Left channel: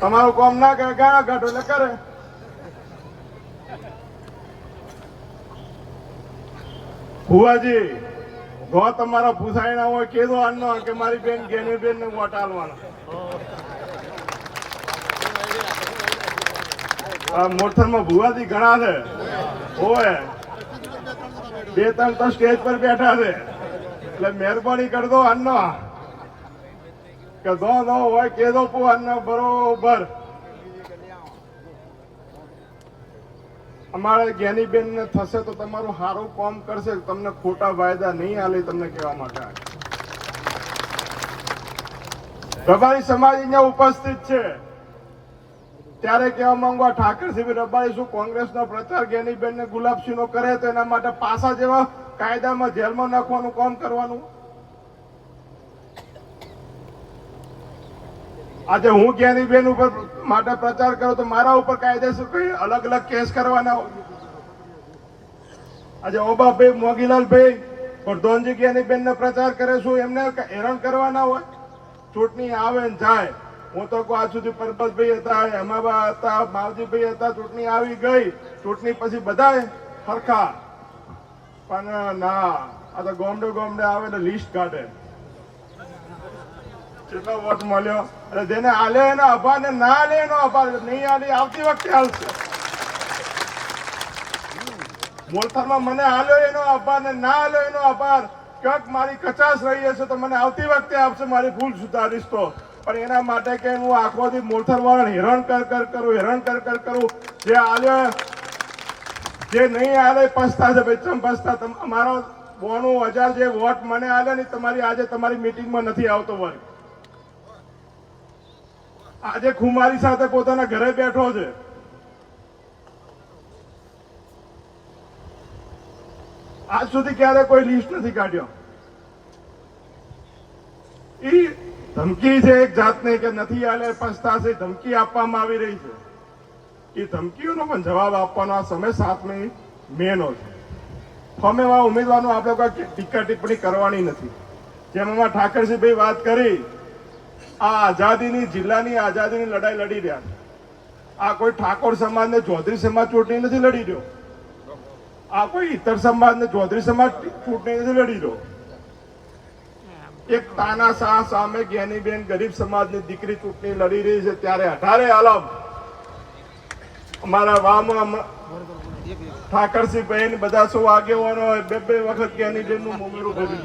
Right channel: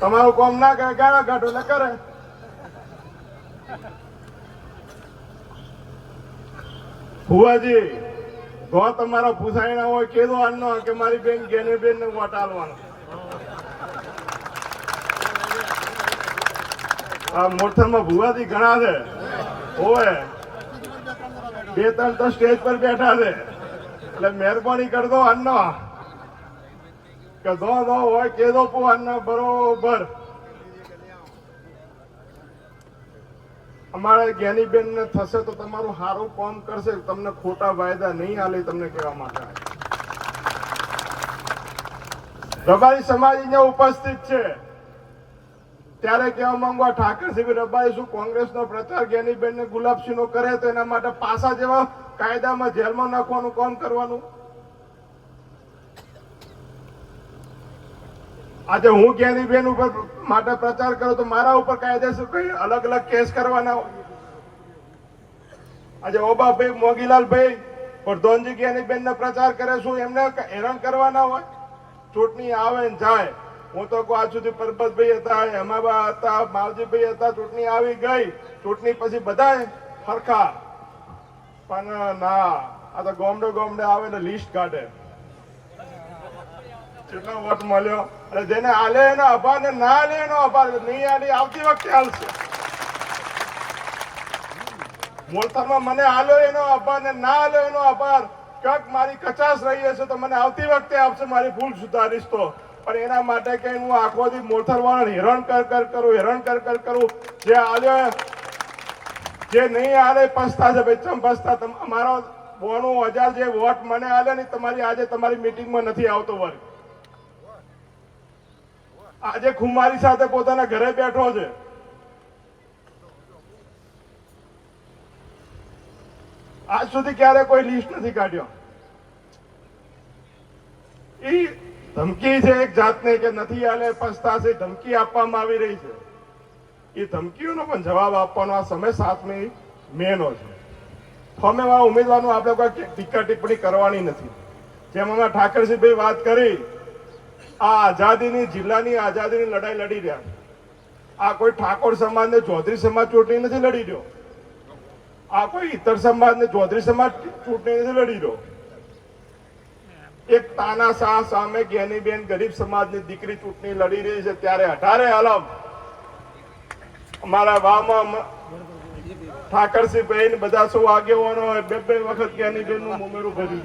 તમારું કોમ ના કરે ગાળા કાઢો એટલે કરે. ભુવાજી, જો તમારા ભૂસાઈ ના હોય કેદો આનો કે મારી બેન ગેની બેન ને વોટ આલવાનો. આ મોરથામાં ભુવાજી ઘણા છે. હોય બે ત્રણ તો સ્ટેજ પર બેઠા છે. એટલે મહેરબાની કરજો આનો. કે જો દો હોય કેદો પુ આનો બરોબર. અમારે જ્ઞાનીબેન ને થશે તો તમારું સારું કામ કરશે, તમને ખોટા વાયદા નહીં હાલે તમને કહેવા માટે રબારી સમાજ અહીંયા ઉપસ્થિત છે. ત્યારે કહેવા માંગુ આ ઠાકરસિંહ રબારી શું કોંગ્રેસનો પ્રચાર જ્ઞાનીબેન ને ગુલાબસિંહ નો કરે તો એના માટે પાસા જેવા કાયદામાં જેલમાં નાખવાનું, કામ કરવાનું? આજે હું જ્ઞાનીબેન ઉપર માટે પ્રચાર કરું તો મારા ઉપર કાયદેસર કઈ અલગ અલગ કેસ કરવાના આજે ઓબાભાઈ મોગીલાલભાઈ પ્રધાનજી જ્ઞાનીબેન ને પ્રચાર કરે છું, એમને હેરાન કરવાના હોય? ચૂંટણી આવે ને જાય. હું તો આજ સુધી પરબતભાઈ હતા, હેમાબા હતા, માવજીભાઈ હતા, ચૂંટણી આવી ગઈ. ચૂંટણી પછી બધા હરખા. પણ ના, આ તો ગોમડે ગોમડે આવે એટલે લિસ્ટ કાઢે. કેટલો વોટ મળ્યો અને જેને આલે એનો આભાર ને ના લે એનો આભાર નહીં આલે, આવતી વખતે આવશે. મોલતરમાં મને આલ્યો એનો આભાર ને ના આલ્યો એનો આભાર, ક્યાંક મારી કચાશ રહી હશે તો મને આવતી વખતે આપશે, મારી ભૂલ સુધારીશ તો. પણ એના માટે કે હું આખો દી મોલથર વાળા હેરાન કર કર કરું, હેરાન કર કર કરું, જે આલ્યો જે નહીં આલે પસ્તા છે ભાઈ, ચમ પસ્તા અમારો બોનું હજાર જે વોટ મને આલે ને તમારી આજે તમારી મિટિંગમાં નથી આવતો વળી આજે ખુમારી સાથે પોતાના ઘરે બેઠો છે. આજ સુધી ક્યારે કોઈ લિસ્ટ નથી કાઢ્યો. એ ધમકી છે એક જાતને કે નથી આલે, પસ્તાશે ધમકી આપવામાં આવી રહી છે. એ ધમકીઓનો પણ જવાબ આપવાનો આ સમય સાતમી મેનો છે. ફોર્મેમાં ઉમેદવારનો આપણે કોઈ ટીકા ટિપ્પણી કરવાની નથી. જેમ હમણાં ઠાકરસિંહભાઈ વાત કરી આ આઝાદીની, જિલ્લાની આઝાદીની લડાઈ લડી રહ્યા છે. આ કોઈ ઠાકોર સમાજ ને ચૌધરી સમાજ ચૂંટણી નથી લડી રહ્યો? આ કોઈ ઇતર સમાજ ને ચૌધરી સમાજ ચૂંટણી નથી લડી રહ્યો? એક તાના શાહ સામે જ્ઞાનીબેન ગરીબ સમાજની દીકરી ચૂંટણી લડી રહી છે ત્યારે અઢારે આલમ અમારા વાવમાં ઠાકરસિંહ બહેન બધા શું આગેવાનો બે બે વખત જ્ઞાનીબેનનું ઉમેરું કર્યું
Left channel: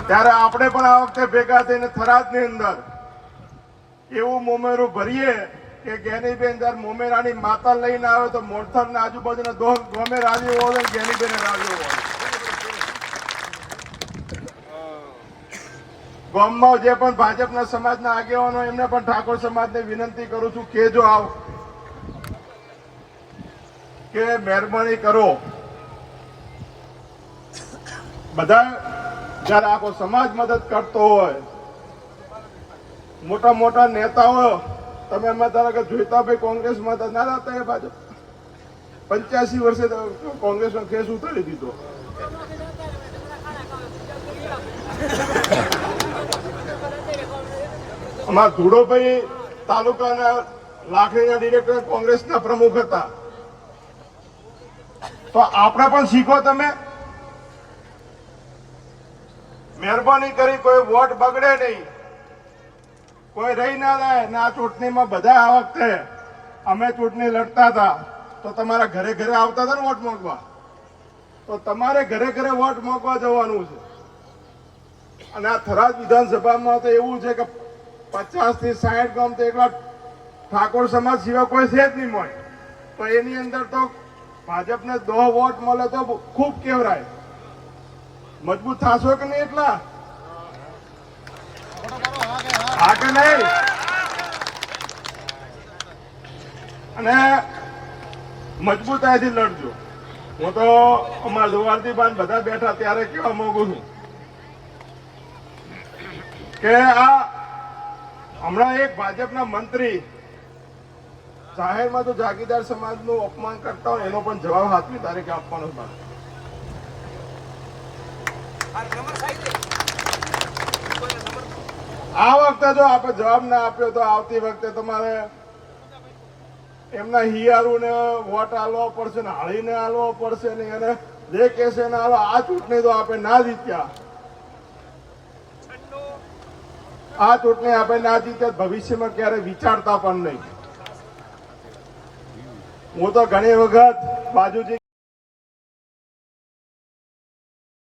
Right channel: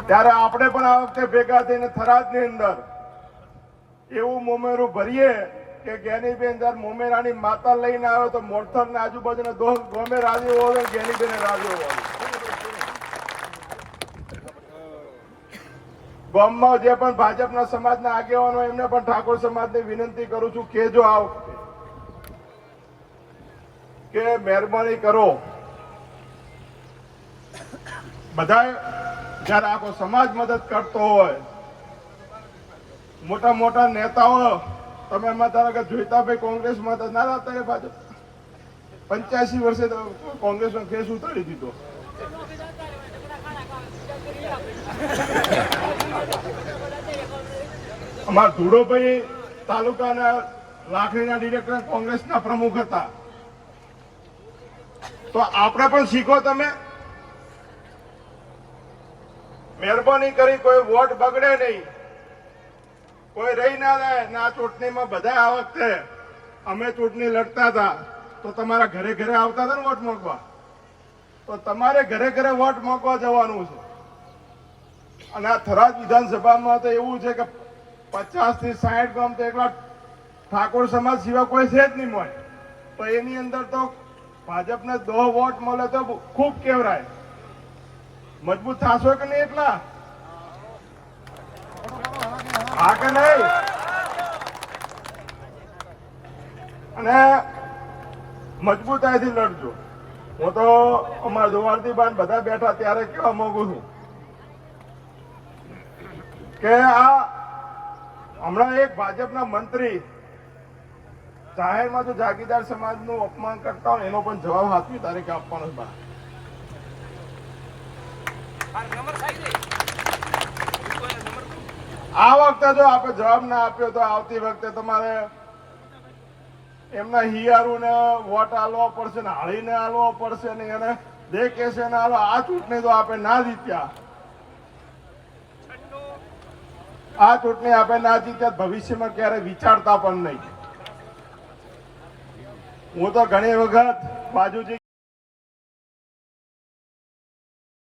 ત્યારે આપણે પણ આ વખતે ભેગા થઈને થરાદની અંદર એવું મોમેરું ભરીએ કે ગેનીબેન જયારે મોમેરાની માતા લઈને આવે તો મોરથર ને આજુબાજુના દો ગમે રાજી હોય ગેનીબેન રાજી હોય ગામમાં જે પણ ભાજપના સમાજના આગેવાનો એમને પણ ઠાકોર સમાજને વિનંતી કરું છું કે જો આવ કે મહેરબાની કરો. બધા જયારે આખો સમાજ મદદ કરતો હોય, મોટા મોટા નેતાઓ, તમે એમાં ધારો કે જોઈતા ભાઈ કોંગ્રેસમાં હતા. ના હતા એ ભાજપ પંચ્યાસી વર્ષે તો કોંગ્રેસનો કેસ ઉતારી દીધો. અમારા ધુડોભાઈ તાલુકાના લાખણીના ડિરેક્ટર કોંગ્રેસના પ્રમુખ હતા. તો આપણે પણ શીખો તમે. મહેરબાની કરી કોઈ વોટ બગડે નહીં. કોઈ રહી ના રહે. ને આ ચૂંટણીમાં બધા આ વખતે અમે ચૂંટણી લડતા હતા. તો તમારા ઘરે ઘરે આવતા હતા ને વોટ મોકવા તો તમારે ઘરે ઘરે વોટ મોકવા જવાનું છે. અને આ થરાદ વિધાનસભામાં તો એવું છે કે પચાસથી સાઠ ગામ તો એકલા ઠાકોર સમાજ સિવાય કોઈ છે જ નહીં મળે. તો એની અંદર તો ભાજપને દો વોટ મળે તો ખૂબ કેવરાય. મજબૂત થશો કે નહીં એટલા? હા કે નહીં? અને મજબૂતાઈથી લડજો. હું તો અમારા ધોવાલથી બાન બધા બેઠા ત્યારે કેવા માંગુ છું કે આ હમણાં એક ભાજપના મંત્રી જાહેરમાં તો જાગીરદાર સમાજનું અપમાન કરતા હોય એનો પણ જવાબ સાતમી તારીખે આપવાનો છે મારે. નંબર સાહેબ નંબર તો આ વખતે જો આપણે જવાબ ના આપ્યો તો આવતી વખતે તમારે એમના હિયારુને વોટ આલવો પડશે ને હળીને આલવો પડશે ને એને જે કહેશે ને હવે આ ચૂંટણી તો આપણે ના જીત્યા. આ ચૂંટણી આપણે ના જીત્યા ભવિષ્યમાં ક્યારે વિચારતા પણ નહીં. હું તો ઘણી વખત બાજુજી